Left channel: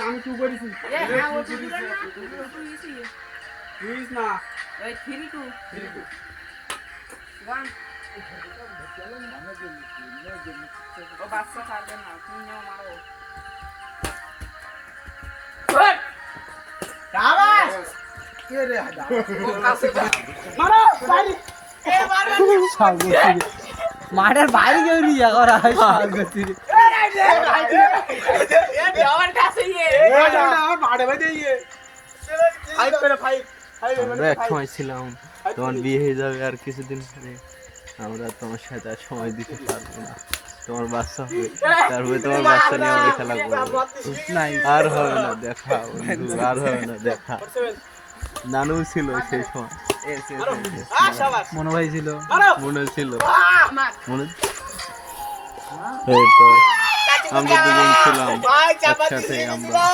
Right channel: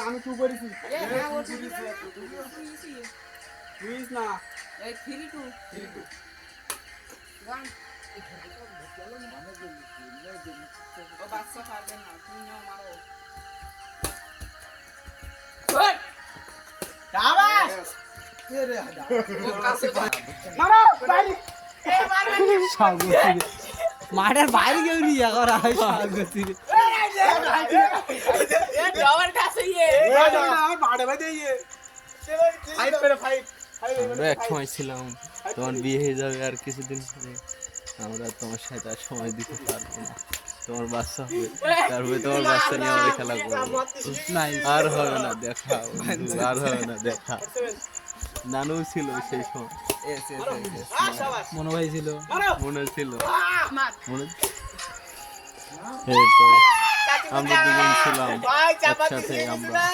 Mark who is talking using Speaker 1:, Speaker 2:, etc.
Speaker 1: আমি করেছি।
Speaker 2: হ্যাঁ তুই
Speaker 1: প্লিজ না।
Speaker 2: বাচ্চা পারবে তুমি মারো
Speaker 3: মাঠের বাইরে কেউ নিয়ে করা হয়
Speaker 4: আমরা এক সময় ছিলাম তোমার বিয়ে হয়ে যাবে আর কিছুদিন পরে আমরা তোমার সাথে আর সময় দিতে পারব না তোমার বাচ্চা হবে তারপরে তোমার বাচ্চা নিয়ে আমরা খেলা করব আর হবে না দেখা আর হবে না দেখা নানু ছিল সেই সময়
Speaker 3: মনে ভাই ছিল।
Speaker 4: মনে ছিল মনে এই তো। আমরা দুজন ছিলাম
Speaker 5: ভাই চাপা
Speaker 4: একসাথে
Speaker 5: দিয়ে
Speaker 4: আমরা